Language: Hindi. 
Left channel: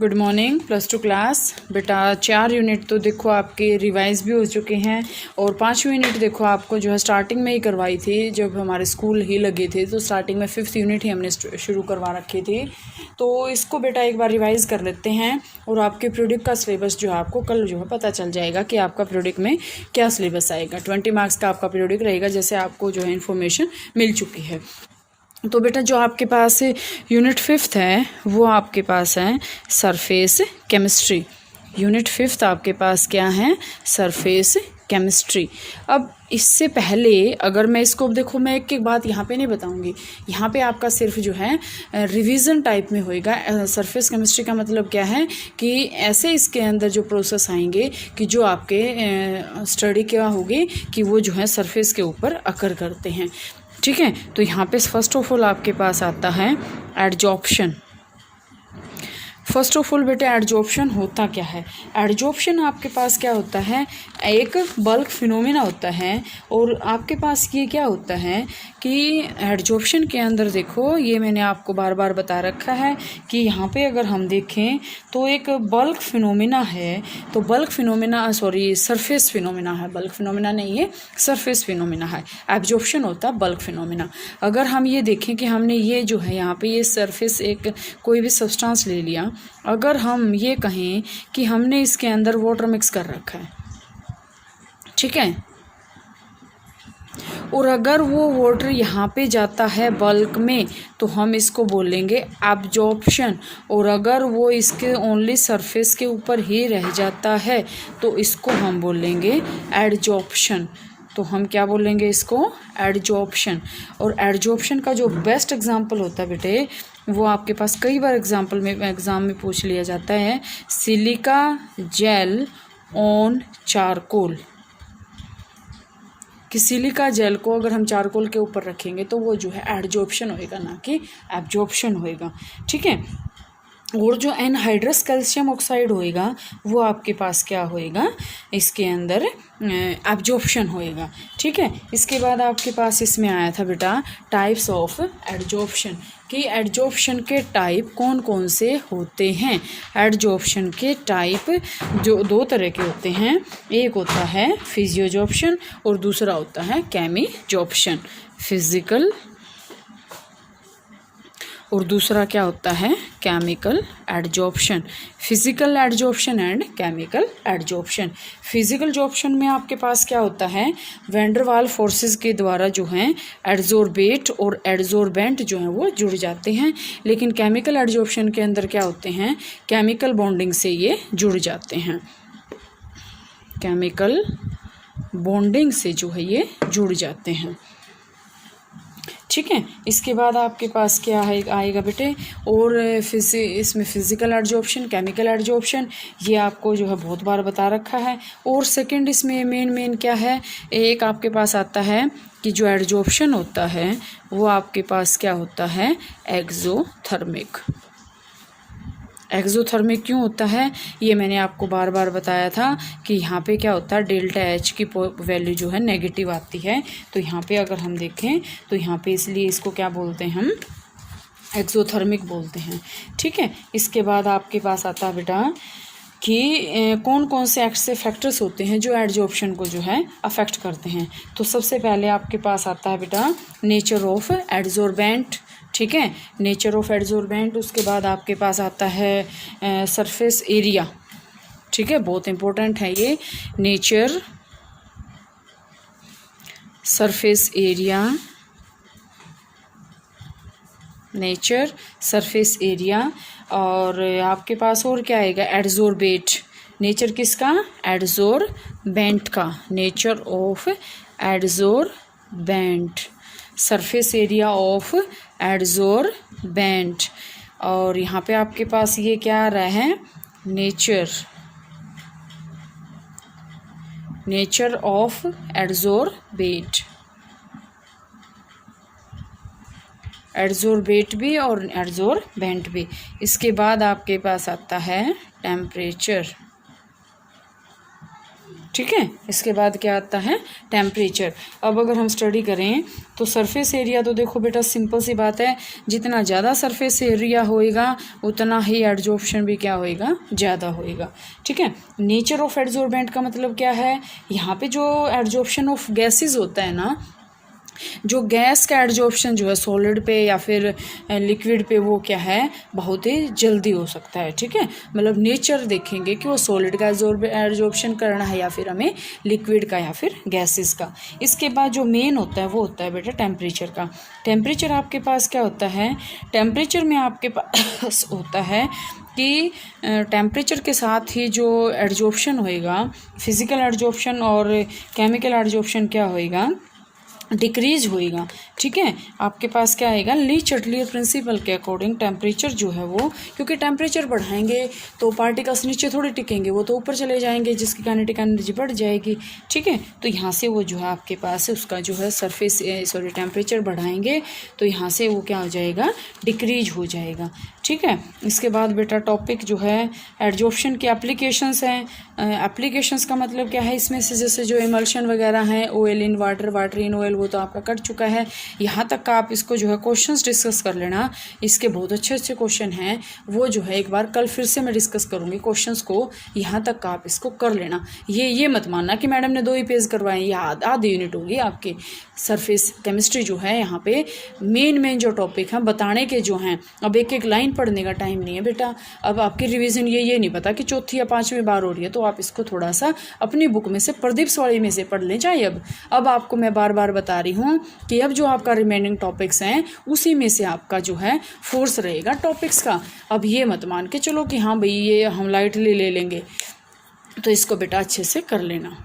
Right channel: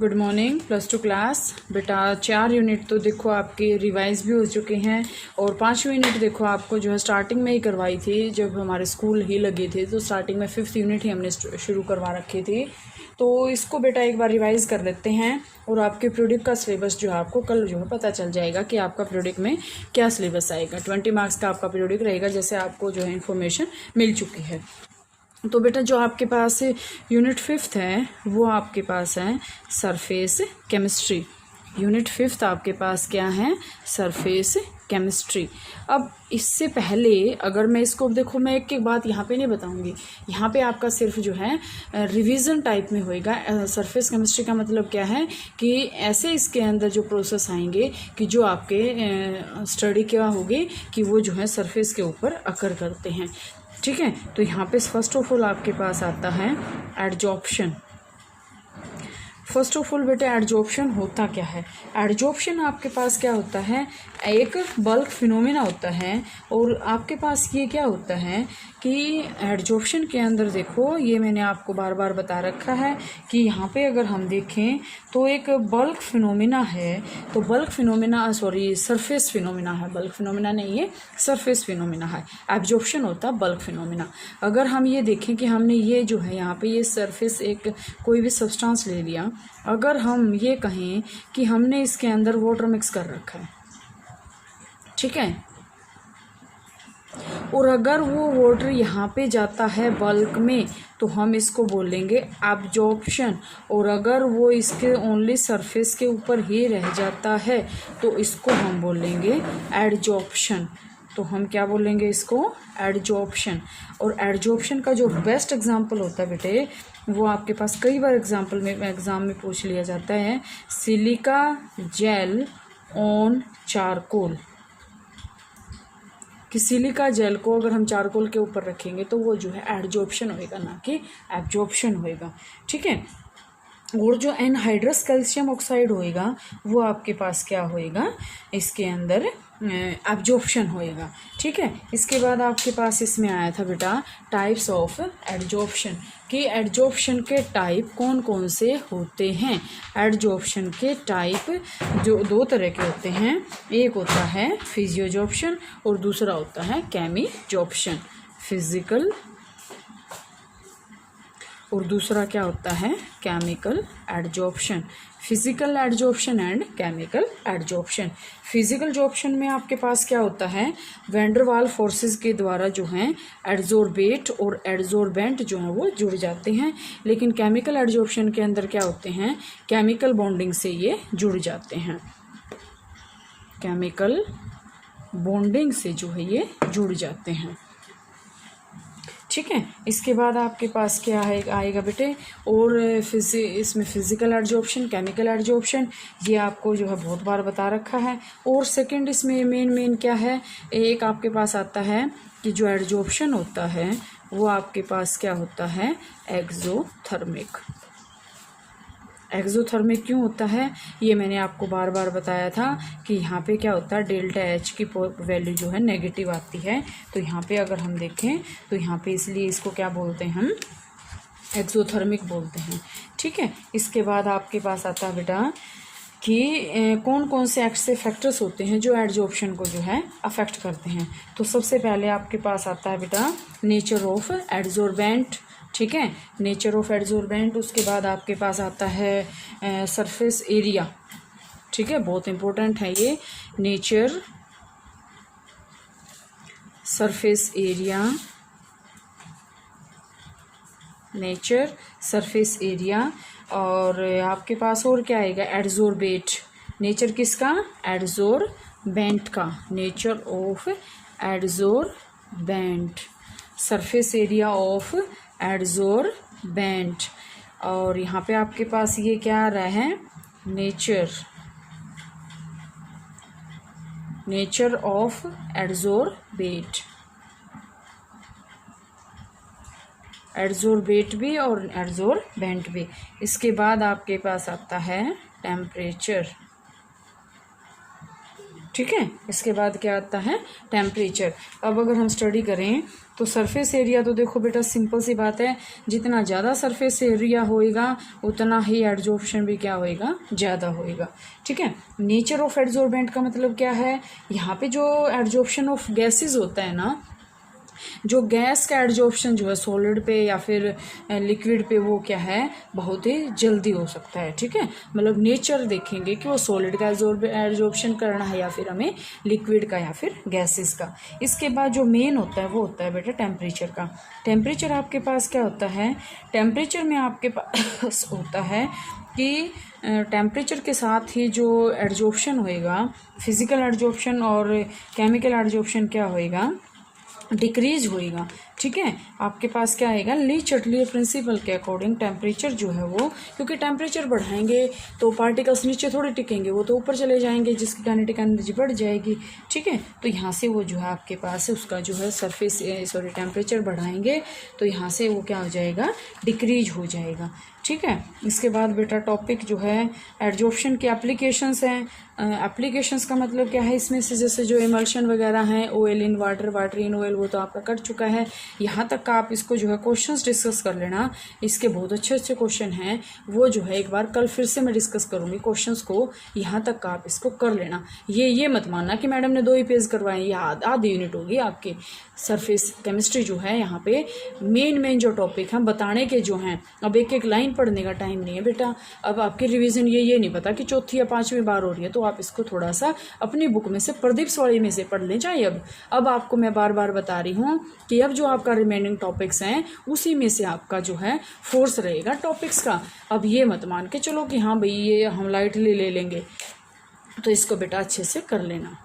Good morning +2 class. बेटा 4 यूनिट तो देखो आपके रिवाइज भी हो चुके हैं और 5वीं यूनिट देखो आपको जो है स्टार्टिंग में ही करवाई थी जब हमारे स्कूल ही लगे थे। तो स्टार्टिंग में 5th यूनिट ही हमने शुरू करवा रखी थी। तो इसको बेटा एक बार रिवाइज़ कर लेते हैं और आपके प्रोडक्ट का सिलेबस जो है आपको कल जो है पता चल जाएगा कि आपका प्रोडक्ट में क्या सिलेबस आएगा। 20 मार्क्स का आपका प्रोडक्ट रहेगा, जैसे आपको जो है इन्फॉर्मेशन मिल चुकी है। तो बेटा जो आपके पास यूनिट 5th है वो आपके पास है सरफेस केमिस्ट्री। यूनिट 5th आपके पास क्या है? Surface chemistry. अब इससे पहले अगर मैं इसको देखो, मैं एक एक बात यहाँ पे नहीं बताऊँगी, यहाँ पे आपका सिर्फ जो है रिवीजन टाइप में होएगा। सरफेस केमिस्ट्री का मतलब क्या है कि ऐसे इसके अंदर जो प्रोसेस आएंगे कि जो आपके स्टडी क्या होगी कि वो जो है सरफेस के ऊपर अकर करते हैं। ठीक है, तो यहाँ पे फर्स्ट ऑफ ऑल आपके पास आता है एडजॉर्प्शन। फर्स्ट ऑफ ऑल बेटे एडजॉर्प्शन होता क्या है? एडजॉर्प्शन आपके पास क्या होता है? एक बल्क फिनोमेना होता है। और आपके पास ये क्या होता है कि एडजॉर्प्शन के अंदर देखो, ये मैंने आपको बार बार बता रखा है कि यहाँ पे अगर हम देखें तो एक बल्क फिनोमेना है। तो बल्क फिनोमेना सरफेस फिनोमेना है, बल्क फिनोमेना नहीं है, सरफेस फिनोमेना है। एब्जॉर्प्शन होता बल्क फिनोमेना। अगर हम ये देखें कि हमने ये जो है यहाँ पे ये सरफेस एक कोई भी सब्सटेंस ले लिया, अगर हम ये कहें कि हमने इसके अंदर वाटर मिक्स कर रखा है, ठीक है, और अगर वो वाटर यहाँ पे जाता है बल्क में तो हम इसको बोलेंगे एब्जॉर्प्शन। और अगर वो इसके ओनली सरफेस के ऊपर ही रह जाता है तो इसको हम बोलेंगे एडजॉर्प्शन। तो हम क्या बोलेंगे इसको? एडजॉर्प्शन। और एडजॉर्प्शन का जो बेस्ट एग्जांपल होता है बेटे, वो आपके पास कई बार एग्ज़ाम में पूछ लिया जाता है, सिलिका जेल ऑन चारकोल। कि सिलिका जेल को अगर हम चारकोल के ऊपर रखेंगे तो वो जो है एडजॉर्प्शन होएगा, ना कि एब्जॉर्प्शन होएगा। ठीक है, और जो एनहाइड्रस कैल्शियम ऑक्साइड होएगा वो आपके पास क्या होएगा? इसके अंदर एब्जॉर्प्शन होएगा। ठीक है, इसके बाद आपके पास इसमें आया था बेटा टाइप्स ऑफ एडजॉर्प्शन, कि एडजॉर्प्शन के टाइप कौन कौन से होते हैं। एडजॉर्प्शन के टाइप जो 2 तरह के होते हैं, एक होता है फिजियोजॉर्प्शन और दूसरा होता है केमिजॉर्प्शन। फिजिकल और दूसरा क्या होता है? Chemical adsorption. Physical adsorption and chemical adsorption. Physical sorption में आपके पास क्या होता है? वैंडरवाल फोर्सेस के द्वारा जो हैं एड्जॉर्बेट और एड्जॉर्बेंट जो हैं वो जुड़ जाते हैं। लेकिन केमिकल एडजॉर्प्शन के अंदर क्या होते हैं? केमिकल बॉन्डिंग से ये जुड़ जाते हैं। केमिकल बॉन्डिंग से जो है ये जुड़ जाते हैं। ठीक है, इसके बाद आपके पास क्या है आएगा बेटे? और इसमें फिजिकल एडजॉर्प्शन, केमिकल एडजॉर्प्शन, ये आपको जो है बहुत बार बता रखा है। और सेकंड इसमें मेन क्या है? एक आपके पास आता है कि जो एडजॉर्प्शन होता है वो आपके पास क्या होता है? एक्सोथर्मिक। एक्सोथर्मिक क्यों होता है? ये मैंने आपको बार बार बताया था कि यहाँ पे क्या होता है, डेल्टा एच की वैल्यू जो है नेगेटिव आती है। तो यहाँ पे अगर हम देखें तो यहाँ पे इसलिए इसको क्या बोलते हैं? हम एक्सोथर्मिक बोलते हैं। ठीक है, इसके बाद आपके पास आता है बेटा कि कौन कौन से ऐसे फैक्टर्स होते हैं जो एडजॉर्प्शन को जो है अफेक्ट करते हैं। तो सबसे पहले आपके पास आता है बेटा नेचर ऑफ एड्जॉर्बेंट। ठीक है, नेचर ऑफ एड्जॉर्बेंट। उसके बाद आपके पास आता है सरफेस एरिया। ठीक है, बहुत इंपॉर्टेंट है ये, nature surface area, nature surface area. और आपके पास और क्या आएगा? एड्जॉर्बेट। नेचर किसका? एड्जॉर्बेंट का। Nature of adsorbent, surface area of adsorbent. और यहाँ पे आपके पास ये क्या आ रहा है? Nature of adsorbate. एड्जॉर्बेट भी और एड्जॉर्बेंट भी। इसके बाद आपके पास आता है टेम्परेचर। ठीक है। इसके बाद क्या आता है, टेम्परेचर। अब अगर हम स्टडी करें तो सरफेस एरिया, तो देखो बेटा सिंपल सी बात है, जितना ज़्यादा सरफेस एरिया होएगा उतना ही एडजॉर्प्शन भी क्या होएगा, ज़्यादा होएगा। ठीक है। नेचर ऑफ एडजॉर्बेंट का मतलब क्या है, यहाँ पे जो एडजॉर्प्शन ऑफ गैसेस होता है ना, जो गैस का एडजॉर्प्शन जो है सॉलिड पे या फिर लिक्विड पे, वो क्या है, बहुत ही जल्दी हो सकता है। ठीक है। मतलब नेचर देखेंगे कि वो सॉलिड का एडजॉर्प्शन करना है या फिर हमें लिक्विड का या फिर गैसेस का। इसके बाद जो मेन होता है वो होता है बेटा टेम्परेचर का। टेम्परेचर आपके पास क्या होता है, टेम्परेचर में आपके पास होता है कि टेम्परेचर के साथ ही जो एडजॉर्प्शन होएगा, फिजिकल एडजॉर्प्शन और केमिकल एडजॉर्प्शन क्या होएगा, डिक्रीज होएगा। ठीक है। आपके पास क्या आएगा, ली चटलियर प्रिंसिपल के अकॉर्डिंग टेम्परेचर जो है वो, क्योंकि टेम्परेचर बढ़ाएंगे तो पार्टिकल्स नीचे थोड़ी टिकेंगे, वो तो ऊपर चले जाएंगे, जिसकी काइनेटिक एनर्जी बढ़ जाएगी। ठीक है। तो यहाँ से वो जो है आपके पास है उसका जो है टेम्परेचर बढ़ाएंगे तो यहाँ से वो क्या हो जाएगा, डिक्रीज हो जाएगा। ठीक है। इसके बाद बेटा टॉपिक जो है एडजॉर्प्शन की एप्लीकेशंस हैं। एप्लीकेशंस का मतलब क्या है, इसमें से जैसे जो इमल्शन वगैरह हैं, oil in water, water in oil, वो तो आपका कट चुका है। यहाँ तक का आप इसको जो है क्वेश्चंस डिस्कस कर लेना, इसके बहुत अच्छे अच्छे क्वेश्चन हैं, वो जो है एक बार कल फिर से मैं डिस्कस करूँगी क्वेश्चंस को, यहाँ तक का आप इसको कर लेना। ये मत मानना कि मैडम ने 2 ही पेज करवाए, ये आधी यूनिट होगी आपके। सरफेस केमिस्ट्री जो है यहाँ पे मेन जो टॉपिक हैं बताने के जो हैं, अब एक एक लाइन पढ़ने का टाइम नहीं है बेटा। अब आपकी रिवीजन ये नहीं पता कि चौथी या 5वीं बार हो रही है, तो आप इसको थोड़ा सा अपनी बुक में से, प्रदीप सवाड़ी में से पढ़ लें चाहे। अब आपको मैं बार बार बता रही हूँ कि अब जो आपका रिमेनिंग टॉपिक्स हैं उसी में से आपका जो है फोर्स रहेगा टॉपिक्स का। अब ये मत मान के चलो कि हाँ भाई ये हम लाइटली ले लेंगे, तो इसको बेटा अच्छे से कर लेना।